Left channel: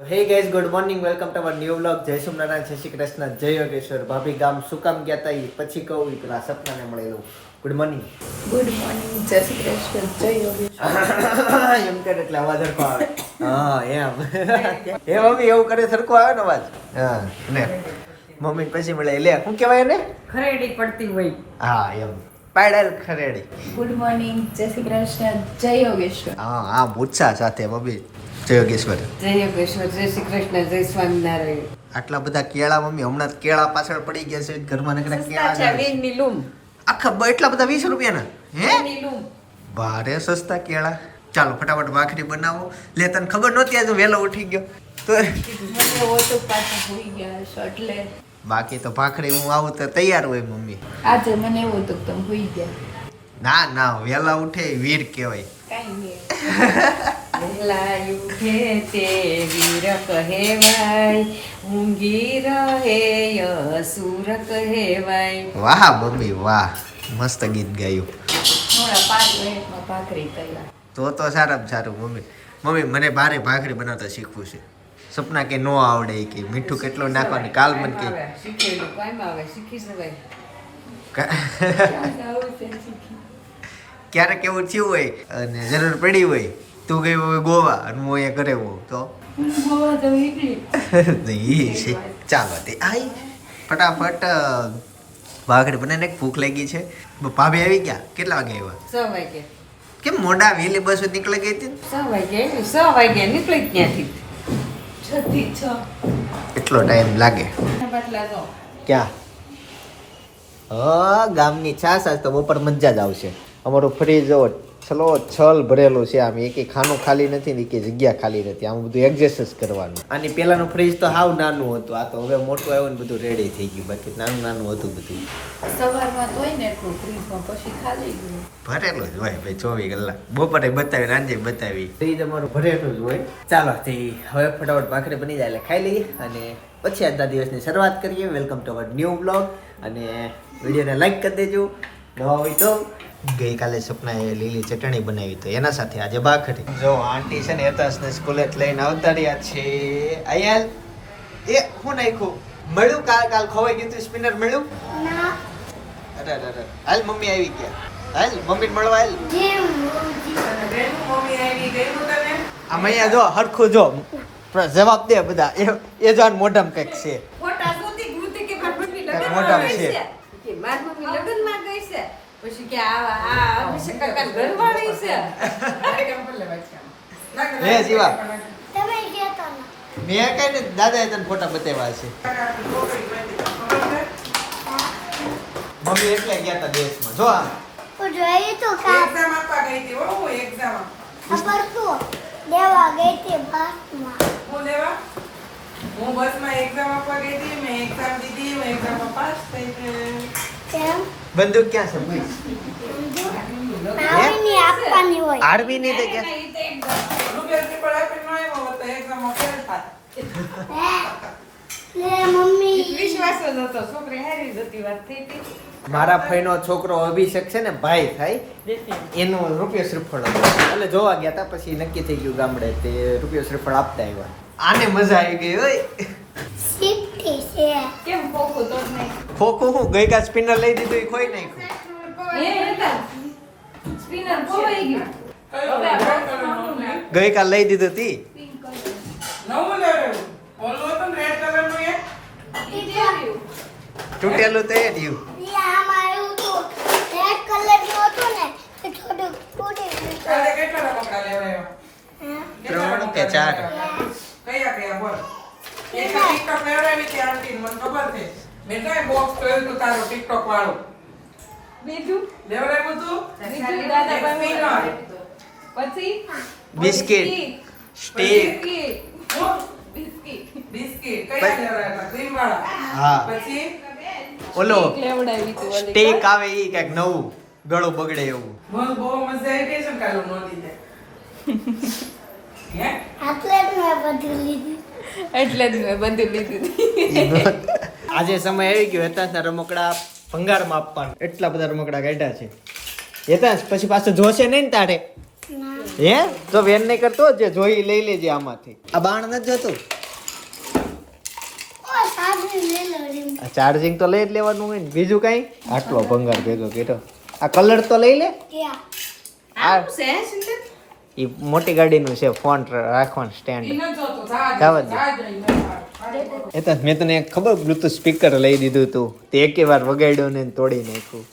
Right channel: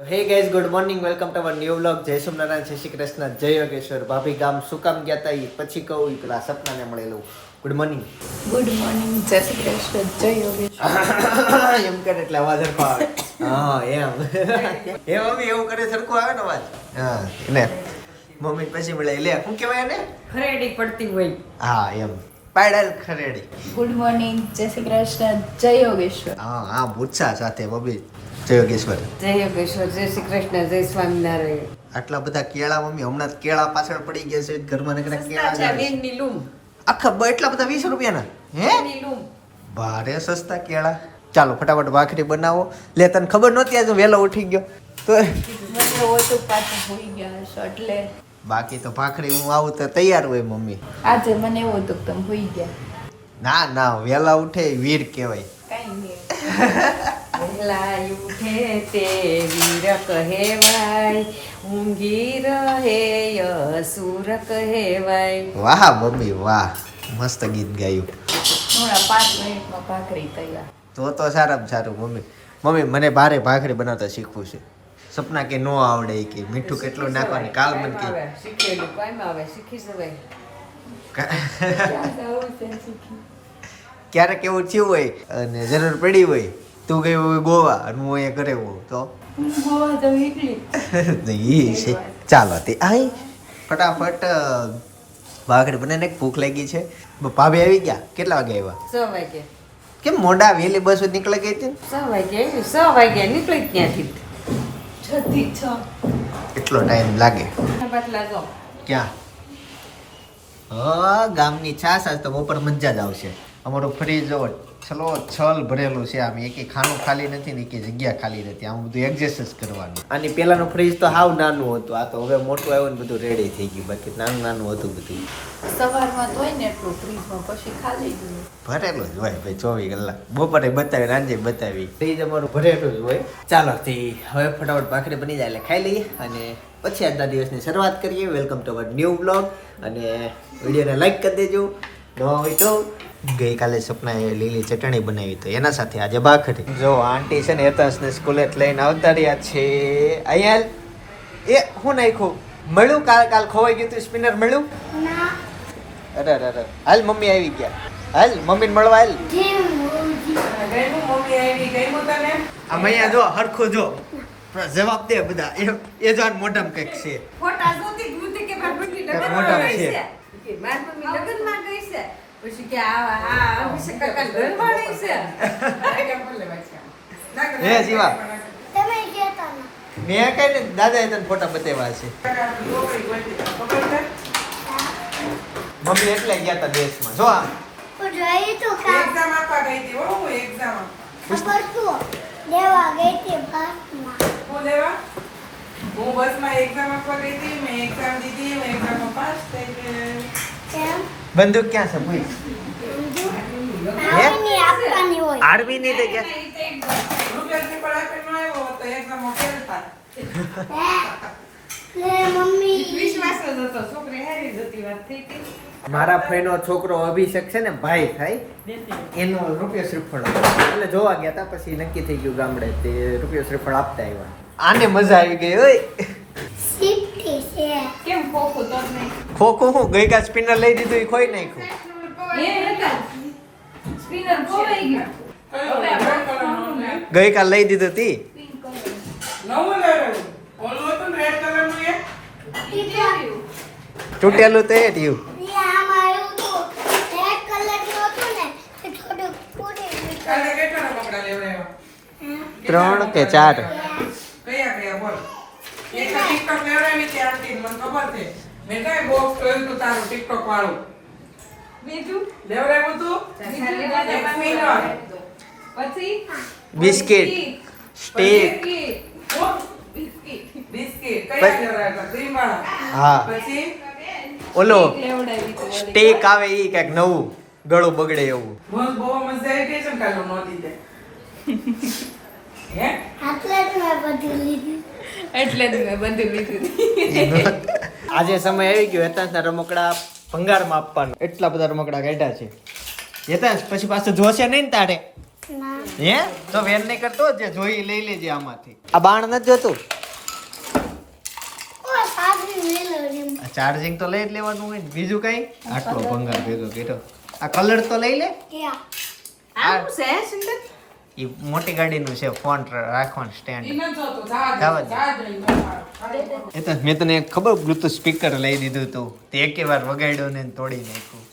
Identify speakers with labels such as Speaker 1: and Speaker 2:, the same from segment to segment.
Speaker 1: Hey guys good morning welcome to our new vlog જય સોમનારાયણ જય શ્રી કૃષ્ણ જય યોગેશ્વર. ભાભી ગામ શું કામ ગયા તા ઈ? પછી કહું પેલા સપનાને મળેલું. ગુડ મોર્નિંગ
Speaker 2: ગુડ મોર્નિંગ જય શ્રી કૃષ્ણ જય યોગેશ્વર.
Speaker 1: એમ કરે એટલે અવાજ સરખો આવે. હા એમ. એ મમ્મી એવું કરે સરખો આવે ને અવાજ? હા ને. મમ્મી પછી મળે. લે શું કહેવાય એને?
Speaker 3: ખરેડી પડતી હોય.
Speaker 1: હા એમ. પાડેલ ખરેડી.
Speaker 2: ગુડ મોર્નિંગ જય શ્રી કૃષ્ણ જય યોગેશ્વર.
Speaker 1: હા હા ભૂતસા સાથે મમ્મી. જય યોગેશ્વર.
Speaker 3: જય યોગેશ્વર જય શ્રી કૃષ્ણ જય સ્વામિનારાયણ.
Speaker 1: આટલા બધા કેળા મમ્મી હમણાં કેળા પાછળ પડી ગયા છે ઘરમાં નકરા કેળા આખા બ- એટલા બધા વીસ રૂપિયાના? હે? ભારે સસ્તા કેળા. ચાલો ફટાફટ ભાખરી બનાવો. લે તને ખબર નહોતી આજે વહેલો ઉઠી ગયો. તો
Speaker 2: મને હોય તો પાછું હોઈ ગયા હશો એટલે.
Speaker 1: બાકી તો ભાખરી હું આવું તો તૈયાર હોય મમ્મી.
Speaker 2: આજે મને એવો તો તમે હોઈ ગયા.
Speaker 1: ના ના વહેલા ઉઠે વીર કહેવાય.
Speaker 2: કાંઈ નહીં.
Speaker 3: વહેલા ઉઠે તે વીર કહેવાય ઊંઘી રહે અસુર કહેવાય.
Speaker 1: વાહ મમ્મી વાહ. મસ્ત ગીત ગાયું.
Speaker 2: થોડા પાંચ મિનિટમાં ભાખરી તૈયાર
Speaker 1: તો તો સારામાં સારું મમ્મી. મમ્મી મને ભારે ભાખરી બનાવતા શીખવું છે. સપના કે નો આવડે કે મીઠું કેટલું નાખવાનું કાલ મન કે.
Speaker 3: શીખેલું કાંઈ આવે? શીખી જવાય.
Speaker 1: ક્યારેક એવું થયું હોય અને જરૂર પડી હોય તું ગઈ ગોવા અને હું અહીંયા ઘરે હું તો? ઈ છે. ચાલો તે આય. ફટાફટ વાઘડી ભાખરી બનાવીને ભૂખ લાગી છે. ભાભી આવી ગયા? કેટલા વાગે આવ્યા?
Speaker 3: છ વાગે.
Speaker 1: કેમ મોડા વહેલી બસ નીકળી ગઈ હતી?
Speaker 3: છ વાગે છ વાગે નીકળી ત્યાંથી
Speaker 1: એટલો ટાઈમ લાગે. ક્યાં? હા ગામની છાસ આજ તો બપોર મજા જ આવશે. અમારું ફ્રીજ જો છલો છલ ભરેલું છે આમ. એક ખાનું ખાલી નથી ને કે જગ્યા ખાલી નથી. આમ બધું એડજસ્ટ જ કરવાનું. આની પહેલાનું ફ્રીજ તો હાવ નાનું હતું. આ તો હવે મોટું આવ્યું ને બધું રેડી થઈ ગયું. બાકી નાનું નાનું હતું બધું.
Speaker 2: સવારમાં તો ને એટલું ફ્રીજમાં પછી ખાલી ગયું.
Speaker 1: ભરેલું જ હોય ભાઈ ચોવીસ કલાક. બપોરે બતાવી સાંજે બતાવી. ફ્રીજ અમારું ભરેલું જ હોય. ચાલો તે હવે ફટાફટ ભાખરી બની જાય એટલે ખાઈ લઈએ અને પછી આજના દિવસની શરૂઆત કરીએ. Welcome to our new blog અને વિડીયોને લાઈક કરી દેજો. નવા હોય તો ગઈકાલે સપનાએ લીલી ચટણી બનાવી તો એના સાથે આજે ભાખરી. જો આંટી છે ને યતાશને સ્કૂલે લઈને આવતા રહ્યા છે. અહીંયા એ હું નાખ્યું? મળ્યું? કાલ કાલ ખોવાઈ ગયું તું સ્પિનર મળ્યું? અરે અરે અરે. હાલ મમ્મી આવી ગયા. હાલ મમ્મીને મળવા હાલ. આમ અહીંયા જો હરખું જો. જવાબ દે બધા. એ એ જો મોઢામાં કંઈક છે.
Speaker 3: મમ્મી
Speaker 1: મોઢામાં છે.
Speaker 3: છે. કે મારી મમ્મી લગ્નમાં ગઈ છે. પછી કે આ આ અભિષેક કાકાની ઘરવાળી છે.
Speaker 1: હે જીવા. મેં કઈ ને દાદાએ તને ફોટા બતાવ્યા છે. મમ્મી એટલે ગયા હતા દેશમાં. જો આમ
Speaker 4: દેવા ગઈ હતી
Speaker 5: હું બસમાં એક્ઝામ આપવા ગઈ હતી મેં એક્ઝામ દીધી મેં એક્ઝામમાં પાસ થઈ ગઈ.
Speaker 4: કેમ
Speaker 1: બંદૂક ક્યાં છે?
Speaker 5: પણ આપીને ન તો
Speaker 1: મારા ફઈનો છોકરો અભિષેક છે ને ભાઈ થાય. એનો રૂપિયો શ્રીફળ એટલે જોવા ગયા હતા પછી નક્કી થઈ ગયું ગામડે તે રૂપિયો શ્રીફળ આપતા આવ્યા. આને મજા આવી ગઈ ઓય.
Speaker 4: સીટી છે.
Speaker 2: કેમ ખોખું તો નહીં.
Speaker 1: ખોખું હું? ગઈકા સ્પિનર લઈ દીધું એ ખોઈ નાખ્યું.
Speaker 2: સ્પિનર ખોવાઈ ગયું?
Speaker 1: ગઈકાલ લઈ દીધું તી? તૂટેલું તે થયું? ત્રણ કે ચાર?
Speaker 5: એક તો લેવડાવી મને ખબર છે. મેં કાંઈ બોક્સ જોયું હતું તારું TikTok વાળું?
Speaker 2: બીજું?
Speaker 5: લેવડાવ્યું હતું?
Speaker 2: બીજું દાદા પછી?
Speaker 1: બિસ્કિટ. સ્ટીક.
Speaker 2: બિસ્કિટ.
Speaker 5: બિસ્કિટ. કયા લેવડાવ્યા ક્રીમ વાળા
Speaker 1: હા.
Speaker 5: પછી?
Speaker 1: ઓલો સ્ટીક આવે ઈ કંઈક નવું ગળું બગડે એવું.
Speaker 5: મને બહુ મજા આવી ગઈ છે ને કાલે નહોતી તે. હે?
Speaker 4: એટલે જ મેં બધું લીધું.
Speaker 2: એટલે જ મેં બધું લીધું.
Speaker 1: આજે સમય આવી ગયો હેતાંશના રમકડા ભંગારમાં આપવાનો. એટલા બધા રમકડા કાઢ્યા છે. હેતાંશ પછી પાછું જોશે નહીં ને તારે? હે? તો વેન નહીં કરતો જે જોઈ લઈ લેજે આમાંથી. આ બાણ નથી જોતું? ચાર્જિંગ તો લઈ જ લેવાનું હોય ને. બીજું કઈ? આટલો ભંગાર ભેગો કેટો આ કલર તો લઈ લે?
Speaker 3: આ
Speaker 1: એ મોટી ગાડીનું છે ફોન રાખવાનું સ્ટેન્ડ. એ તો મેં તને ખબર બ્લુટુથ સ્પીકર લઈ દીધું તું. તે એકે વાર વગાડ્યું ને તોડી નાખ્યું.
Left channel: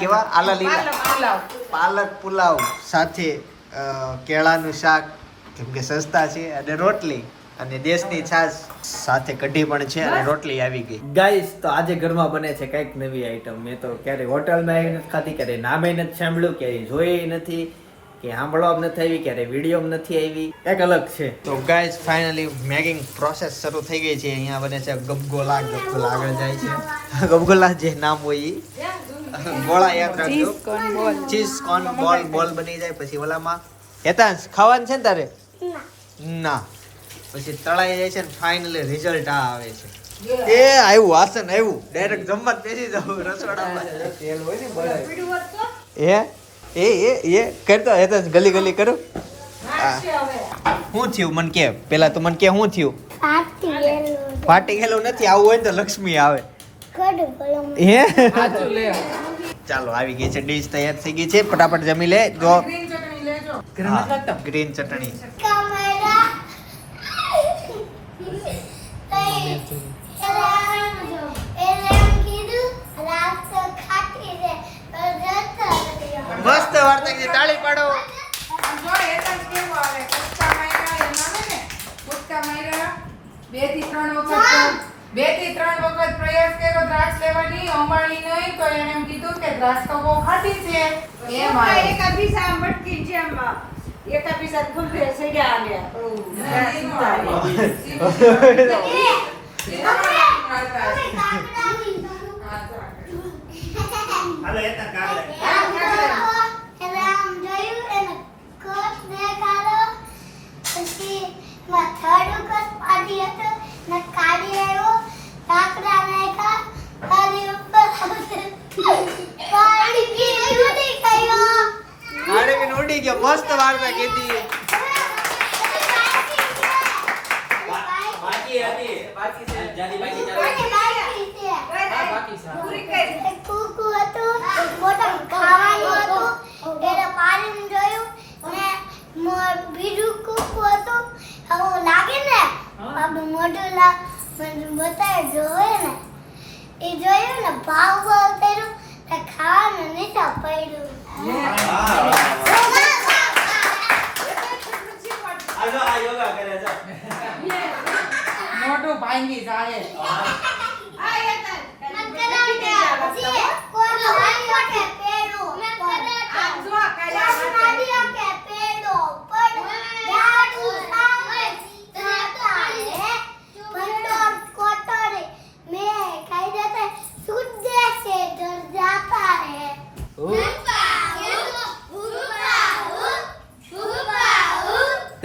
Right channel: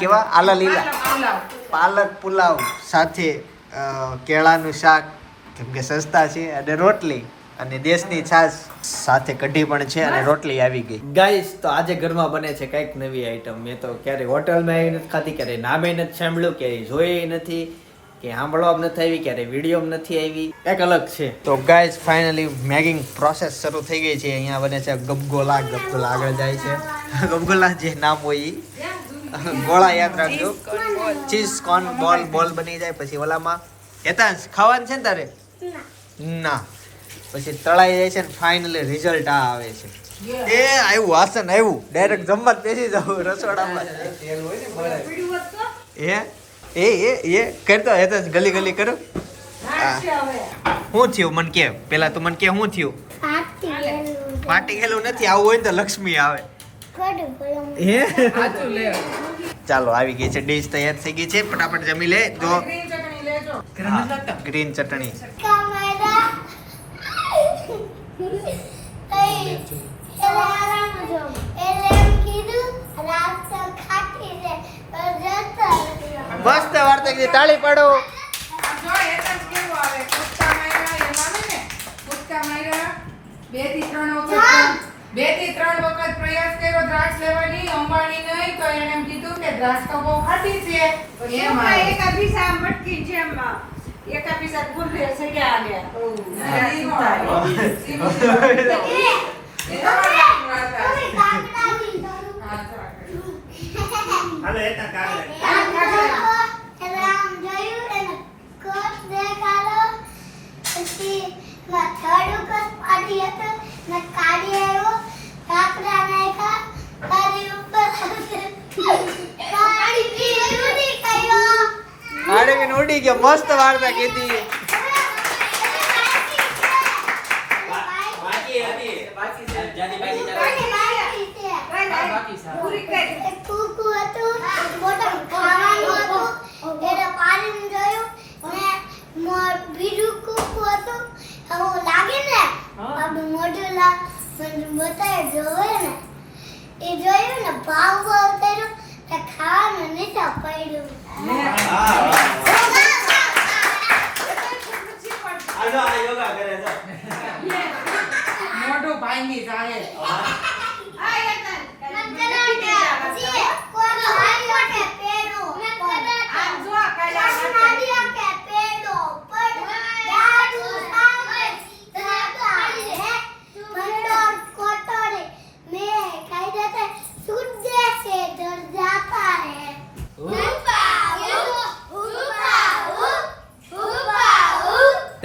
Speaker 1: કેવા આલા લીલા. પાલક પુલાવ સાથે કેળાનું શાક જેમ કે સસ્તા છે અને રોટલી. અને દેશની છાશ સાથે કઢી પણ છે અને રોટલી આવી ગઈ. ગાઈસ તો આજે ઘરમાં બને છે કંઈક નવી આઈટમ મેં તો ક્યારે હોટલમાં આવી નથી ખાધી ક્યારે નામે નથી સાંભળ્યું ક્યારે જોઈ નથી કે સાંભળવા નથી આવી ક્યારે વીડિયો નથી આવી. કંઈક અલગ છે. તો ગાઈસ ફાઇનલી મેગિંગ પ્રોસેસ શરૂ થઈ ગઈ છે. અહીંયા બને છે ગબગોલા ગબગોલા આગળ જાય છે. ગબગોલા જે નામ હોય એ ગોળા યાદ રાખજો ચીઝ કોર્ન બોલ બોલ બની જાય પછી ઓલામાં. હેતાંશ ખાવાનું છે ને તારે? ના. પછી તળાઈ જાય છે ને ફાઇનલી રિઝલ્ટ આ આવે છે. એ આવ્યું વાસન આવ્યું ડાયરેક્ટ જમવા જ બેસી જાવ રસોડામાં. એ એ એ. એ કરતો હેતાંશ ગલી ગલી કરું. શું થયું મને કે? પેલા તો મને કે શું થયું? ફાટી ગયેલું. નથી આવું હોય ને તો લક્ષ્મી આવે. હે? ચાલો આવી ગઈ છે ડીશ તૈયાર થઈ ગઈ છે. ફટાફટ જમી લે. જો.
Speaker 5: ગ્રીન ચટણી
Speaker 1: મસ્ત વાર્તા કીધી. તાળી પાડો.
Speaker 5: એમ બેથી ત્રણ વખત બેથી ત્રણ વખત પ્રયાસ કર્યો દ્રાક્ષ લેવાની અંબાણી નહીં તો એને એમ કીધું કે દ્રાક્ષ તો બહુ ખાટી છે. એમ.
Speaker 3: એક અભિષા મટકી જેમ એક અભિષા ફૂલે સડ્યા આવ્યા
Speaker 5: ના, ઈ નો આવે. ઈ નો
Speaker 4: એ
Speaker 5: આવે.
Speaker 4: તમે કાકડાની કરું
Speaker 5: હા, ચાલો.
Speaker 4: એટલે આમ જોયું એને કોટ દેખાડો પછી થર્ડ કોટ પાડી હતો ને કાઢી આવ્યો કાકડા નાખ્યા કાઢી ઉપર કાઢી કીધું કયો
Speaker 1: આડે ઉડી ગયો મસ્ત વાર્તા કીધી
Speaker 3: પૂરી કરી
Speaker 4: એક કૂકુ હતું મોટું ખાવાનું હતું એને પાણીને જોયું ને મો- બીજું કૂકુ હતું. હવે લાગે ને મોઢું બતાવે જોવે ને. એ જોયું ને ભાવ ભાવ ને ખાવાનું નીચે પડ્યું.
Speaker 5: મોઢું ભાંગી જાય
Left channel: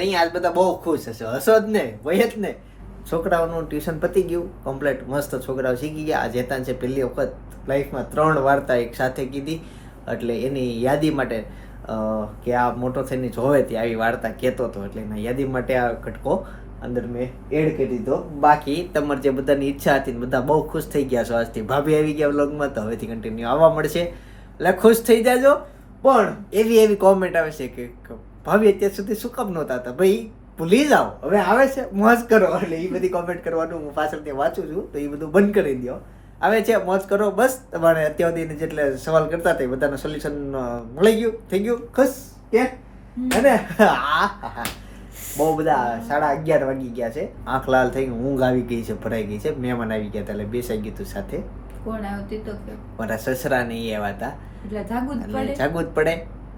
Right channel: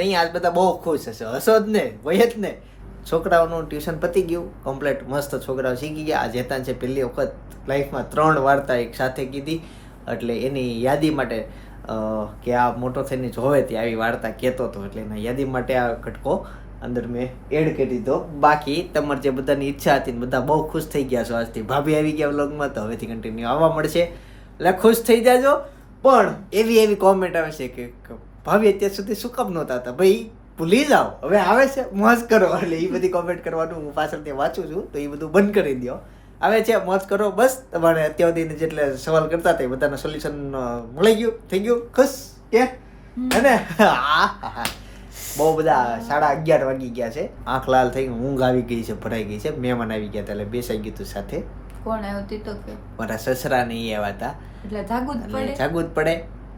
Speaker 1: તઈ આજ બધા બહુ ખુશ હશે. હશો જ ને વય જ ને છોકરાઓનું ટ્યુશન પતી ગયું, કમ્પ્લેટ મસ્ત છોકરાઓ શીખી ગયા. આ જેતાન છે પહેલી વખત લાઈફમાં ત્રણ વાર્તા એક સાથે કીધી. એટલે એની યાદી માટે કે આ મોટો થઈને જોવે ત્યાં આવી વાર્તા કહેતો હતો એટલે એના યાદી માટે આ કટકો અંદર મેં એડ કરી દીધો. બાકી તમારે જે બધાની ઈચ્છા હતી બધા બહુ ખુશ થઈ ગયા છો આજથી. ભાભી આવી ગયા વ્લોગમાં, તો હવેથી કન્ટિન્યુ આવવા મળશે. એટલે ખુશ થઈ જાજો. પણ એવી એવી કોમેન્ટ આવે છે કે ભાભી અત્યાર સુધી શું કામ નહોતા હતા? ભાઈ ભૂલી જાઓ. હવે આવે છે મોજ કરો. એટલે એ બધી કોમેન્ટ કરવાનું હું પાછળથી વાંચું છું તો એ બધું બંધ કરી દો આવે છે મોજ કરો બસ. તમારે અત્યાર સુધી જેટલે સવાલ કરતા હતા એ બધાનું સોલ્યુશન મળી ગયું થઈ ગયું ખુશ કે અને બહુ બધા સાડા અગિયાર વાગી ગયા છે. આંખ લાલ થઈ ગઈ ઊંઘ આવી ગઈ છે ભરાઈ ગઈ છે. મહેમાન આવી ગયા હતા એટલે બેસાઈ ગયું હતું સાથે.
Speaker 2: કોણ આવતી તો કે?
Speaker 1: મારા સસરા ને એ આવ્યા હતા.
Speaker 2: એટલે
Speaker 1: જાગવું જ પડે.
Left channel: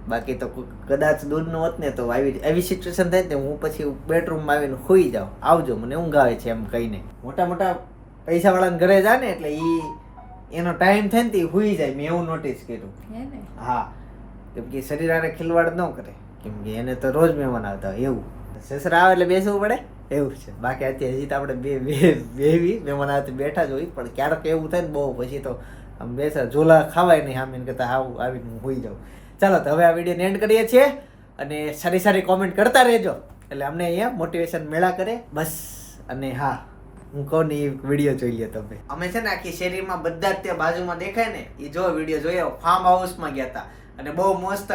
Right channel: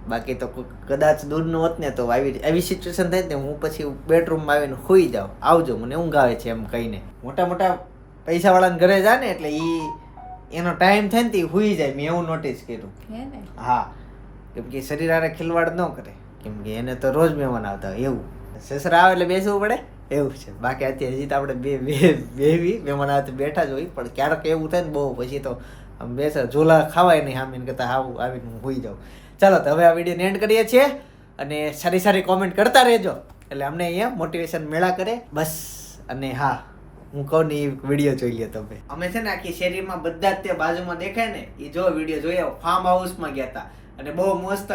Speaker 1: બાકી તો કદાચ દૂરનું હોત ને તો આવી આવી સિચ્યુએશન થાય ને હું પછી બેડરૂમમાં આવીને સુઈ જાઉં. આવજો મને ઊંઘ આવે છે એમ કહીને. મોટા મોટા પૈસાવાળાના ઘરે જાય ને એટલે ઈ એનો ટાઈમ થાય ને તે સુઈ જાય. મેં એવું નોટિસ કર્યું.
Speaker 2: હા
Speaker 1: કેમ કે શરીર હારે ખિલવાડ ન કરે. કેમ કે એને તો રોજ મહેમાન આવતા હોય એવું. સસરા આવે એટલે બેસવું પડે? એવું છે. બાકી અત્યારે હજી તો આપણે બે બે બેવી મહેમાન હાથે બેઠા જ હોય. પણ ક્યારેક એવું થાય ને બહુ પછી તો આમ બેસા ઝોલા ખાવાય નહીં આમીને કરતા આવું આવીને હું હોઈ જાઉં. ચાલો, તો હવે આ વિડીયોને એન્ડ કરીએ છીએ અને સારી સારી કોમેન્ટ કરતા રહેજો. એટલે અમને અહીંયા મોટિવેશન મેળા કરે. બસ. અને હા, હું કહું ને એ વીડિયો જોઈ લે તમે. અમે છે ને આખી શેરીમાં બધા જ તે બાજુમાં દેખાય ને, એ જો વીડિયો જોયો ફાર્મ હાઉસમાં ગયા હતા અને બહુ મસ્ત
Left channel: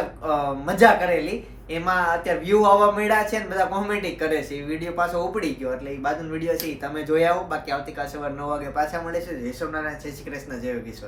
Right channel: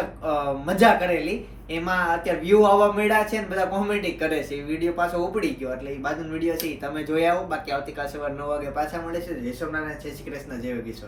Speaker 1: મજા કરેલી. એમાં અત્યારે વ્યૂ આવવા મળ્યા છે ને, બધા કોમેન્ટ કરે છે. એ વીડિયો પાછો ઉપડી ગયો. એટલે એ બાજુનો વીડિયો છે એ તમે જોઈ આવો. બાકી આવતીકાલ સવારે નવ વાગે પાછા મળે છે જય સોમનારાયણ, જય શ્રી કૃષ્ણ, જય યોગેશ્વર.